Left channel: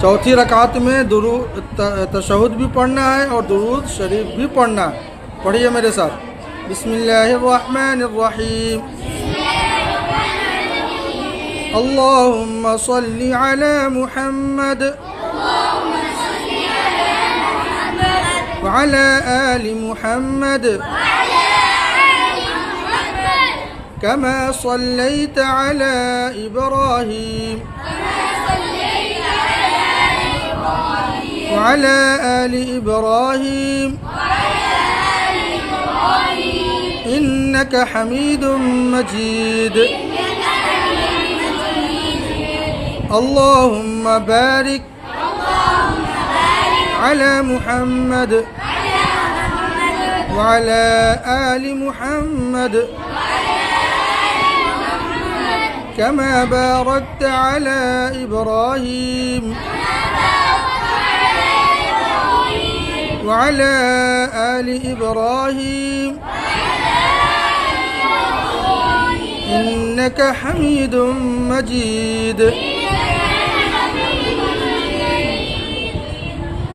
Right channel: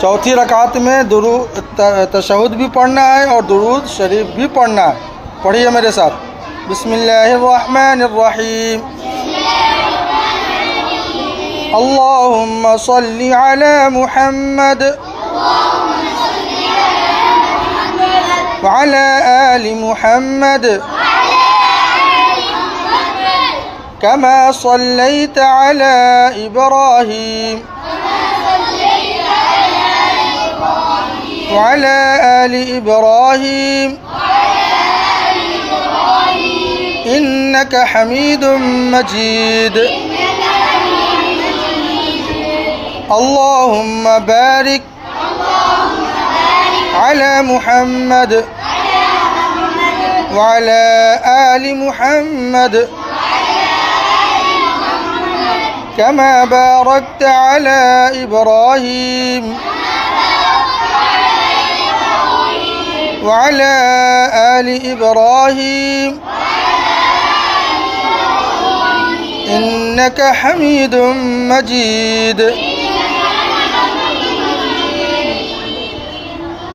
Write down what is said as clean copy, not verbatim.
चौथी रकात में तशहुद भी पढ़ना है और दुरूद शरीफ भी पढ़ना है। पढ़िए मेरे साथ। बिस्मिल्लाहिर्रहमानिर्रहीम। अल्लाहुम्मा सल्ली अला मुहम्मद व अला आलि मुहम्मद कमा सल्लैत अला इब्राहीम وعلى آل إبراهيم إنك حميد مجيد اللهم بارك على محمد وعلى آل محمد كما باركت على إبراهيم وعلى آل إبراهيم إنك حميد مجيد।